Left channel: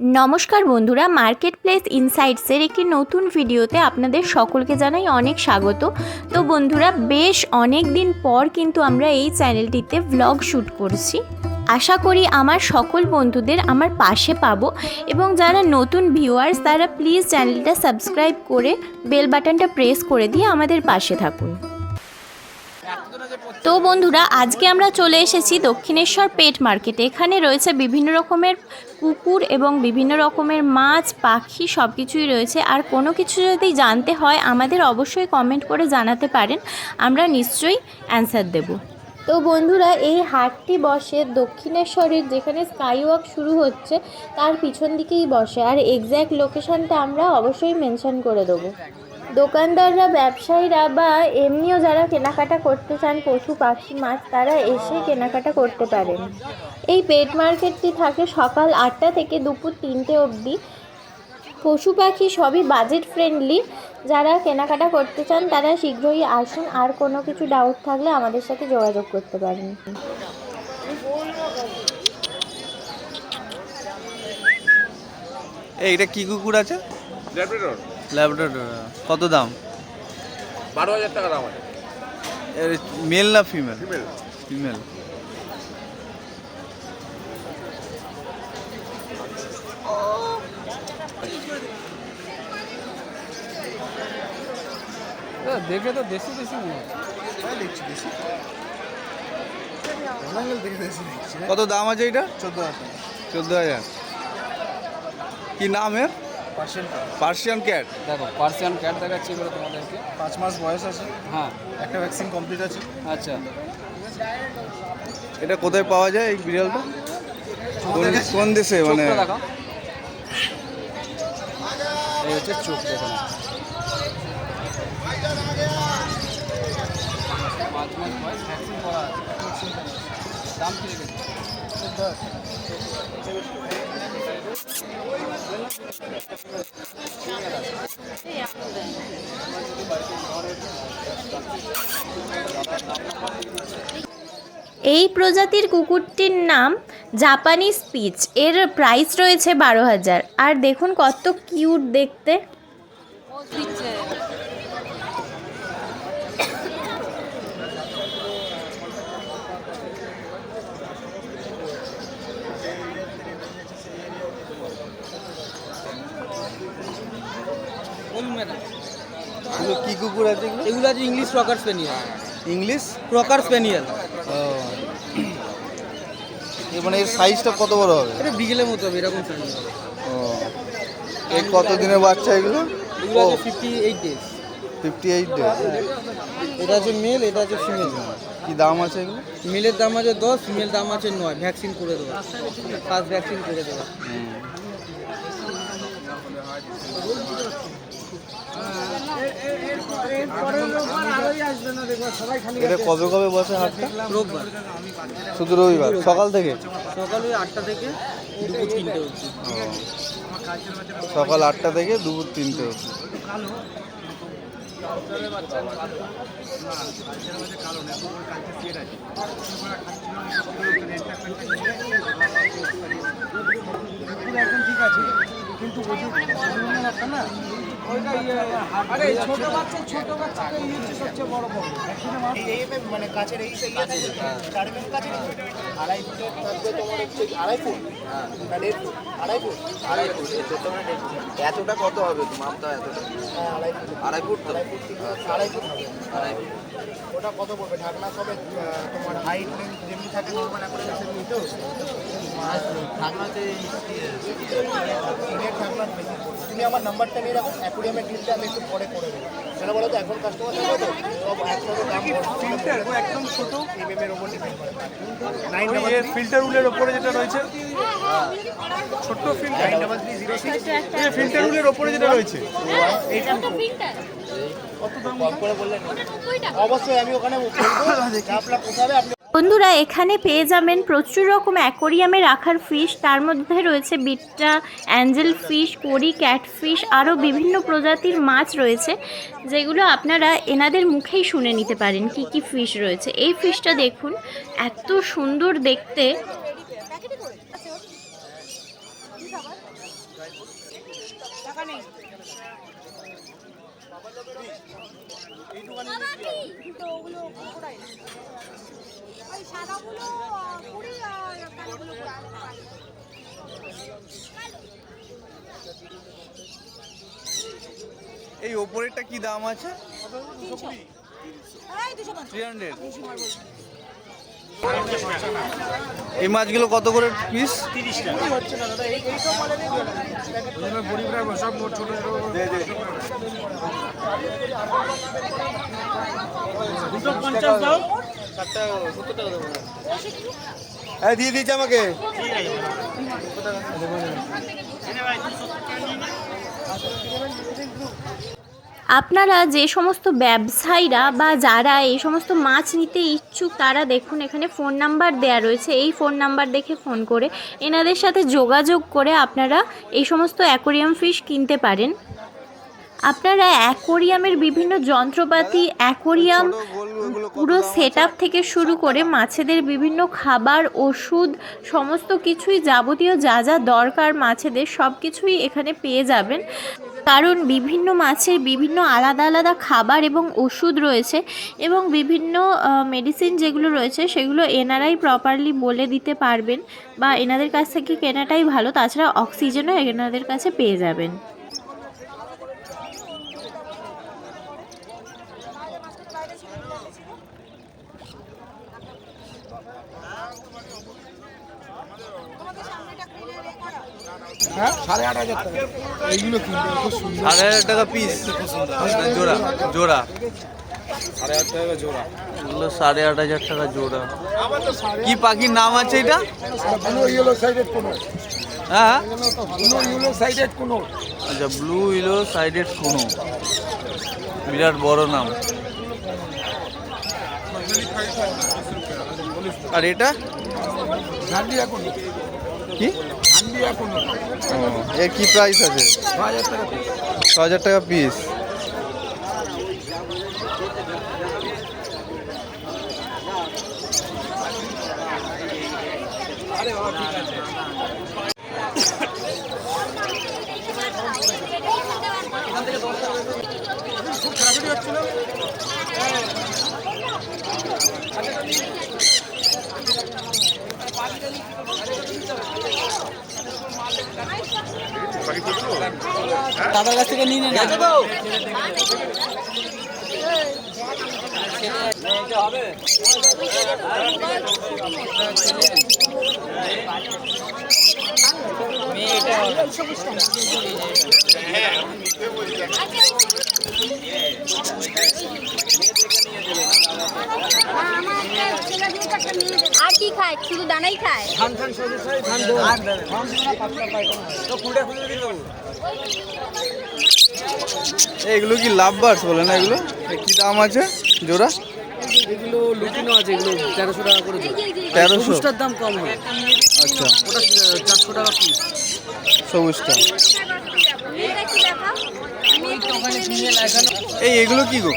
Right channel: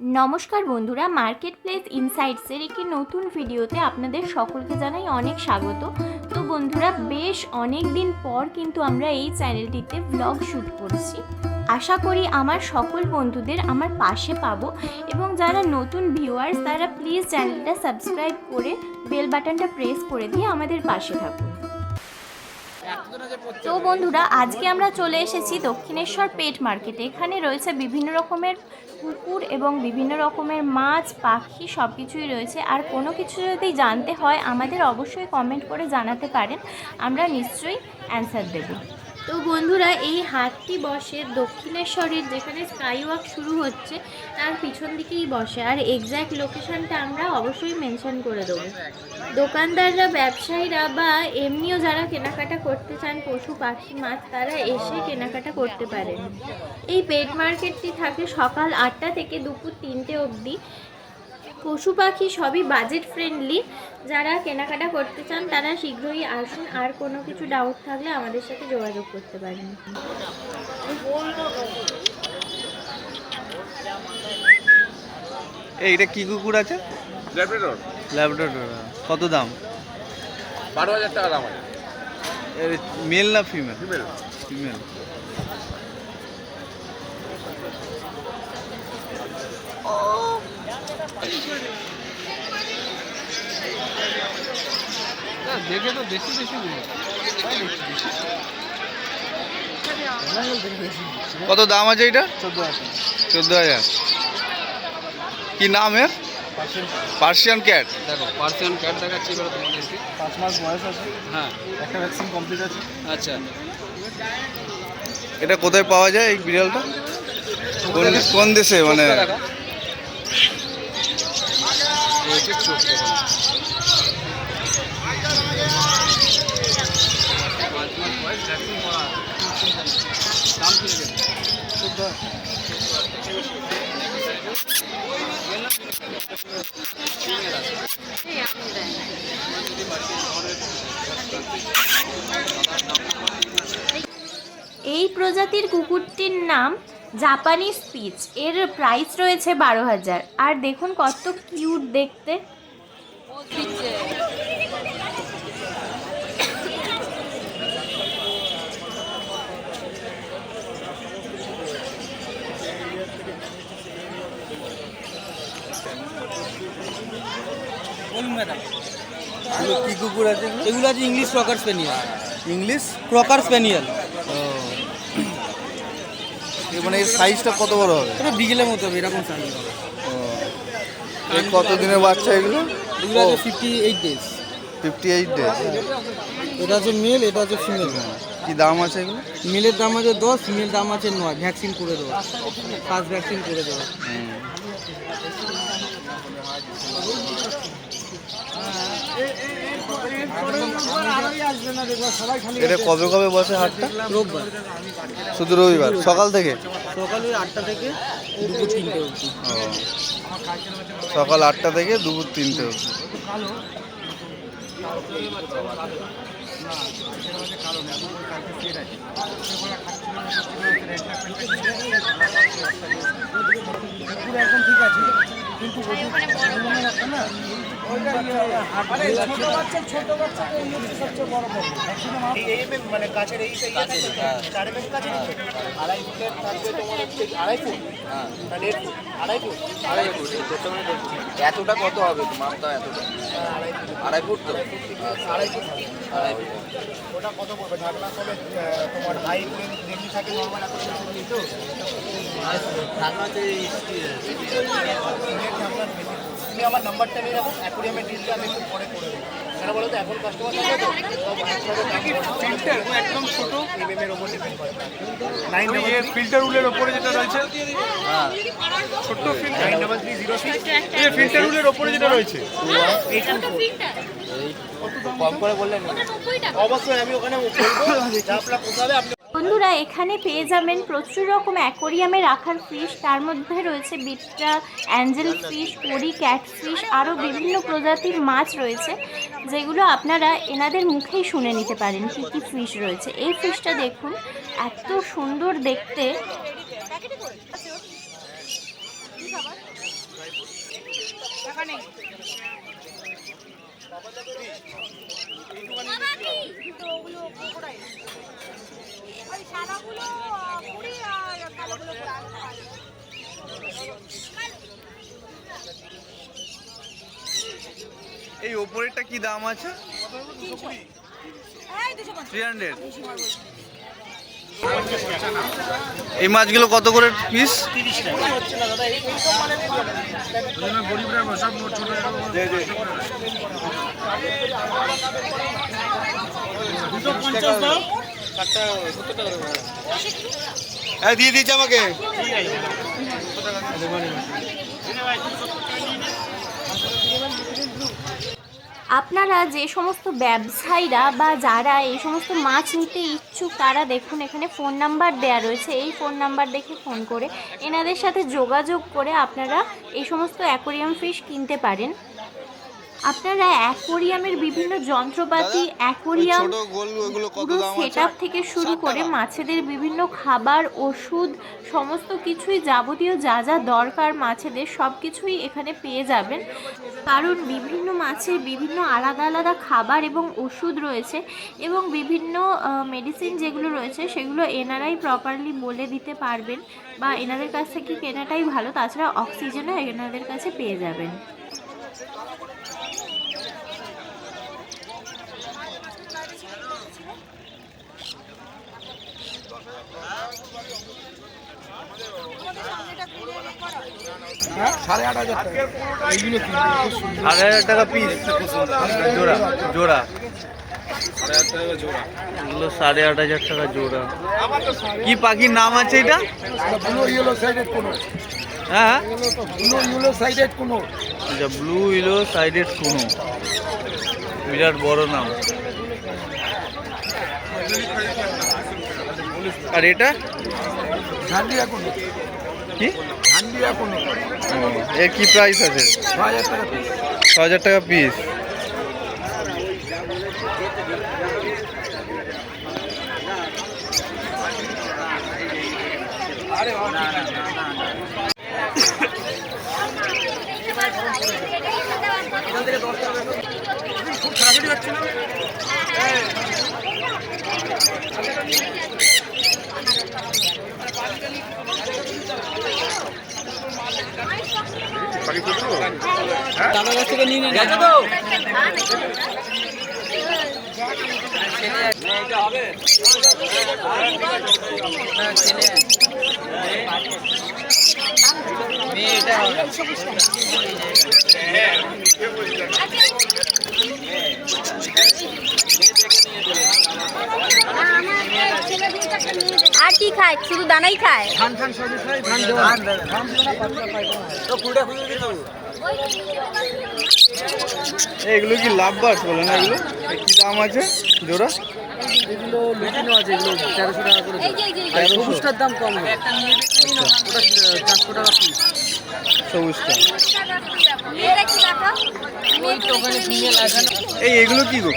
নমস্কার বন্ধুরা, market place ইনসাইটসের একটি নতুন ভিডিওতে আপনাদের সকলকে জানাই অনেক স্বাগত। তো বন্ধুরা, বেশ অনেক দিন পর কিন্তু আমরা এই চ্যানেলটিতে ভ্লগ শ্যুট করছি। আশা করি আমার সকল বন্ধুদের আমার পাশে পাবো, এবং যারা নতুন ভিউয়ার্স তারা প্লিজ চ্যানেলটা সাবস্ক্রাইব করে বেল বাটনটা প্রেস করে দিয়ে আমাদের পাশে থাকুন। তো বন্ধুরা, আজকে আমরা চলে এসেছি দক্ষিণেশ্বর পেট মার্কেটে। এখানে রয়েছে বিভিন্ন রকমের কুকুর এবং বিভিন্ন রকমের মাছ, পাখি সব কিছুই রয়েছে। আর কোনো কিছু যদি জানতে হয় আমাদের অবশ্যই কমেন্ট করে জানাতে পারেন, আমরা নিশ্চয়ই অ্যান্সার দেব। তো বন্ধুরা, এই হাটটি বসে দক্ষিণেশ্বরের, যেখানে স্কাই ওয়াক শুরু হচ্ছে তার পিছন দিকেই বসে। আর এক্স্যাক্ট লোকেশানটা আমরা অবশ্যই মেনশন করে দেবো। দোকানদাররা, ব্যবসায়ীরা বা এমনিও যারা কেনাকাটা করতে চান পশু পাখি মাছ, তারা এসে কেনাকাটা করতে পারেন। এই পেট মার্কেটটি থাকে সকাল 8টা থেকে দুপুর 3টে অবধি। পশু পাখি সবই বাজেট ফ্রেন্ডলি। যারা কেনাকাটা করতে চান তারা শীঘ্রই আসুন। আর কোনো কিছু ডাউট থাকলে আমাদের সাথে যোগাযোগ করতে পারেন। এইটা কি কুকুর আছে? ল্যাব্রাডর। ল্যাব্রাডর। কত দাম? 12,000 টাকা দাম আছে। এর মেল না ফিমেল? ফিমেল। ফিমেল। দেখে তো দেশি দেশি কত দাম আছে এটা? 14,000 টাকা। 14,000। কি নাম এর? Persian cat. দেখো পার্সিয়ান ক্যাট দেখাচ্ছি এবার তোমাদেরকে। 5 মাস বয়স আছে, হ্যাঁ, একটা ভ্যাকসিন কমপ্লিট আছে। আচ্ছা। এটা কোথায় পাওয়া যায় এই বিড়ালটা? কোন দেশে মানে? দেখো এই হচ্ছে চোখ, দেখো। 5 মাস বয়স, ভ্যাকসিন করা আছে। দাম কি নেবে? এই প্রজাতির কুকুরটির নাম জাপানি স্পিচ। এর প্রাইস রয়েছে 12,000। আর দেখুন কত কিউট দেখতে। এগুলো কি কুকুর আছে এগুলো? এগুলো আছে ইংলিশ ক্রকার স্পেনিয়াল। ইংলিশ ক্রকার স্পেনিয়াল মানে এর সাইজটা কত বড় হবে? এটা বিগেলের মতো হবে, এরকম সাইজ হবে। ও, এই কত দিনের বাচ্চা এগুলো? এগুলো আছে 58 ডেজ। 58 ডেজ। এটা আছে মেল, এটা আছে ফিমেল। কি দাম আছে এগুলো? মেলের দাম আছে 10, ফিমেল দাম আছে 9। ভ্যাকসিন করে দেবো, ফার্স্ট ভ্যাকসিন করে দেবো। এটা কবে কবে বসে হাটটা? রোববার শুধু রবিবার সকাল থেকে? সকালে 8টা থেকে দুপুর 3টে অবধি। ও, সকাল 8টা থেকে দুপুর 3টে অবধি। একদম ঠিক আছে, কিন্তু ওই যে একটা না, ছোট বাচ্চা সবচেয়ে বড় প্রবলেম। মানে গাছের এই 4 mm কাছে 2.5 ফুটের থাকবে তোমার, হচ্ছে 2.5 ফুট। হ্যাঁ, 1.5 ফুট। 2.5 ফুট। 2.5 ফুট। এতটা কত হবে? মাপটা এতটা? 2.5 ফুট তো? 2.5 ফুট হবে। 2.5 ফুট। ওটা কত পড়বে? ঢাকনা সবে তোমার হাইট যেমনি থাকে নর্মাল অ্যাকোয়ারিয়ামে তো ঢাকনাতে ঢাকনার বেশি পড়বে। তুমি আমার নাম্বারটা নিয়ে রাখো, অ্যাকোয়ারিয়ামের ডিলটা আমি একটু পরে করে দেবো। সেটা বলো তো, এখন কাস্টমার থাকে তো সব একসাথে দাম একদম ছোট এর ওপর ডিপেন্ড করে। 9 ফিল্টার উলের ওপরে যেটা রয়েছে, ছোট্ট ফিল্টার 9306 এই ফিল্টার উলের ওপরে যেটা রয়েছে কম করে বললেন অবশ্যই আমি ওখানে বলবো যে আপনারা পোষাবে। আপনি বন্ধুরা, এখানে পেয়ে যাবেন প্রচুর রকম অ্যাকোরিয়ামে রাখার ফিশ। তার মধ্যে রয়েছে বিট্টা, অ্যাঞ্জেল ফিশ, কোরি, ক্যাটফিশ, আরও বিভিন্ন প্রজাতির মাছ রয়েছে, যেগুলো আপনারা এনাদের মুখেই শুনে নিতে পারেন কি কি ফিশ রয়েছে। এই ফিশটা দেখুন, এত সুন্দর দেখতে। এই ওপরেরটা কি দাম আছে? 300। এই মাছগুলো কত করে পিস? দিয়ে দিচ্ছে আমাকে। আপনারা যে সমস্ত ব্যবসায়ীরা বা যারা এই সমস্ত মাছ নিতে ইচ্ছুক তারা দেখুন এখানে ফোন নাম্বার দেওয়া রয়েছে, এই ফোন নাম্বার দেখে ফোন করে এনাদের সাথে যোগাযোগ করে আপনারা এই সমস্ত অ্যাকোরিয়াম ফিশ কিনতে পারেন। আপনারা অ্যাকোরিয়ামের বিভিন্ন যন্ত্রপাতি, অ্যাকোরিয়াম পুরো সেটআপ থেকে শুরু করে মাছেদের বিভিন্ন খাবার, ওষুধ, সমস্ত কিছুই যাবতীয় যা যা দরকার মাছেদের সব কিছুই এখানে পেয়ে যাবেন। কারণ বিভিন্ন মাছের বিভিন্ন আলাদা আলাদা খাবার এবং ওষুধ রয়েছে এবং বিভিন্ন মেডিসিন যেগুলো রয়েছে সেগুলো এনারাই প্রপারলি বলে দিতে পারবেন বা এনাদের কাছ থেকে কেনাটাই ভালো। তাছাড়া অক্সিজেনও এনাদের কাছে পেয়ে যাবেন। $8,500 টাকা পিস জোড়া জোড়া 8,500 টাকা জোড়া। কি পাখির নাম আছে এটা? হ্যাঁ আচ্ছা, ব্লু ইলো সাইডেড কোনো, বিরাট বড় নাম। আর এটা কি? এর কি প্রাইস আছে? 6,000 টাকা পিস। দাদার কাছ থেকে নিয়ে গেছে তো? আর কি খায়? শুধু দানাই খায়। এগুলো কি লাভ বার্ডস বলে না? এগুলো কি দাম আছে জোড়া? এগুলো লুটিনো আছে, এগুলো 1300 টাকা করে জোড়া। 1300? সবুজটার দাম কম হয়। আচ্ছা, ওটা 400 টাকা পিস। সবুজটা। মেয়েরা কি দেখো? ওখানে ফিমেল আছে। এই এগুলো কি গো?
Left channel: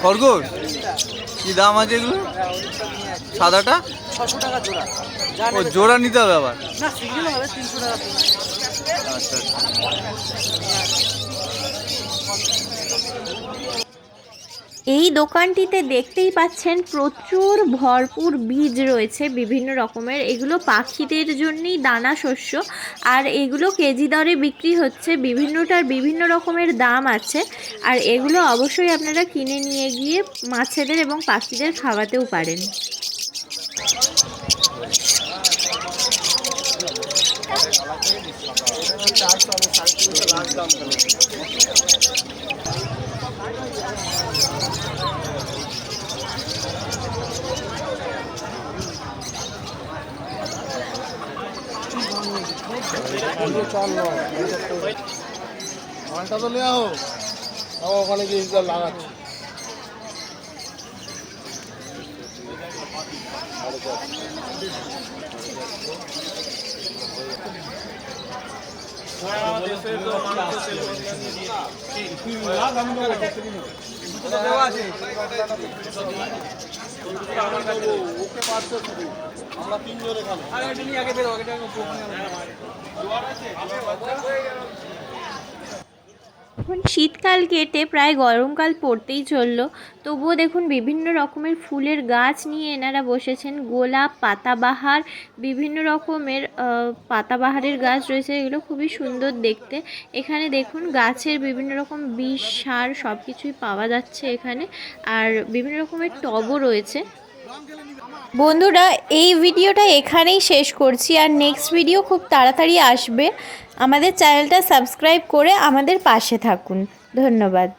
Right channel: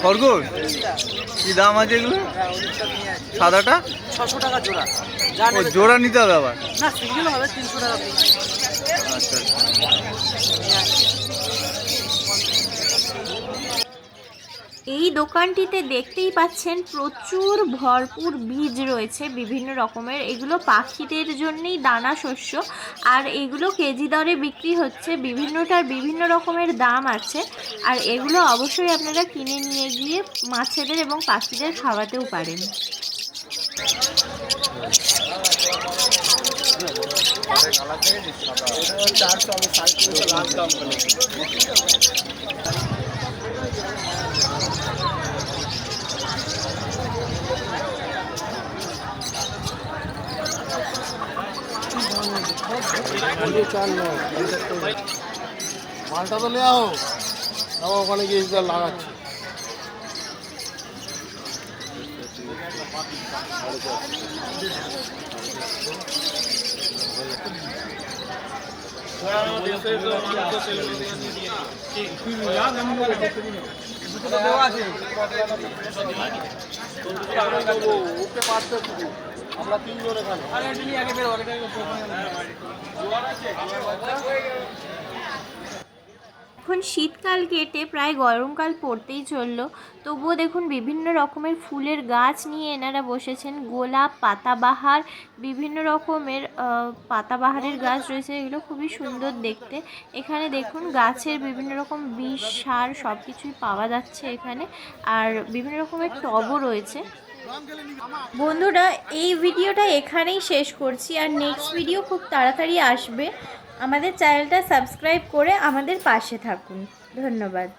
খরগোশ? কি দাম আছে এগুলো? সাদাটা 600 টাকা জোড়া। ও জোড়া নিতে হবে আবার? না, সিঙ্গেল হবে 300 টাকা পিস। আচ্ছা আচ্ছা। এই দোকানটিতে দেখতেই পাচ্ছেন প্রচুর ভরপুর বীজ রয়েছে বিভিন্ন রকমের। এগুলো পাখিদের জন্যই দানা শস্য, আর এগুলো কেজি দরে বিক্রি হচ্ছে। বিভিন্নটার বিভিন্ন রকমের দাম আছে, আর এগুলো অবশ্যই আপনারা কিনে নিয়ে গিয়ে মাছেদের এবং পাখিদের খাওয়াতেও পারেন। মালটা তো নেওয়া হোক, ওখানে গিয়ে লাগাচ্ছি। ওকে পারছে শুধু, আমরা 3 জনে খাবো। এখন শীতকাল কেটে প্রায় গরমকাল পড়তেই চললো, তবুও দেখুন বিভিন্ন রকমের ফুলের গাছ নিয়ে এনারা বসেছেন। গোলাপ, পাতাবাহার, বিভিন্ন রকমের পাতাবাহারের গাছ রয়েছে, এগুলো খুবই সুন্দর দেখতে। এখানে দেখুন গাছের বিভিন্ন রকম বিষ, সার সব কিছুই পাওয়া যাচ্ছে এখানে, আর বিভিন্ন রকমের টবও রয়েছে। বন্ধুরা, এই ভিডিওটা এখানেই শেষ করছি, আর নেক্সট ভিডিও খুব তাড়াতাড়ি আসবে। আমাদের চ্যানেলটা সাবস্ক্রাইব করে আমাদের পাশে থাকুন। ধন্যবাদ।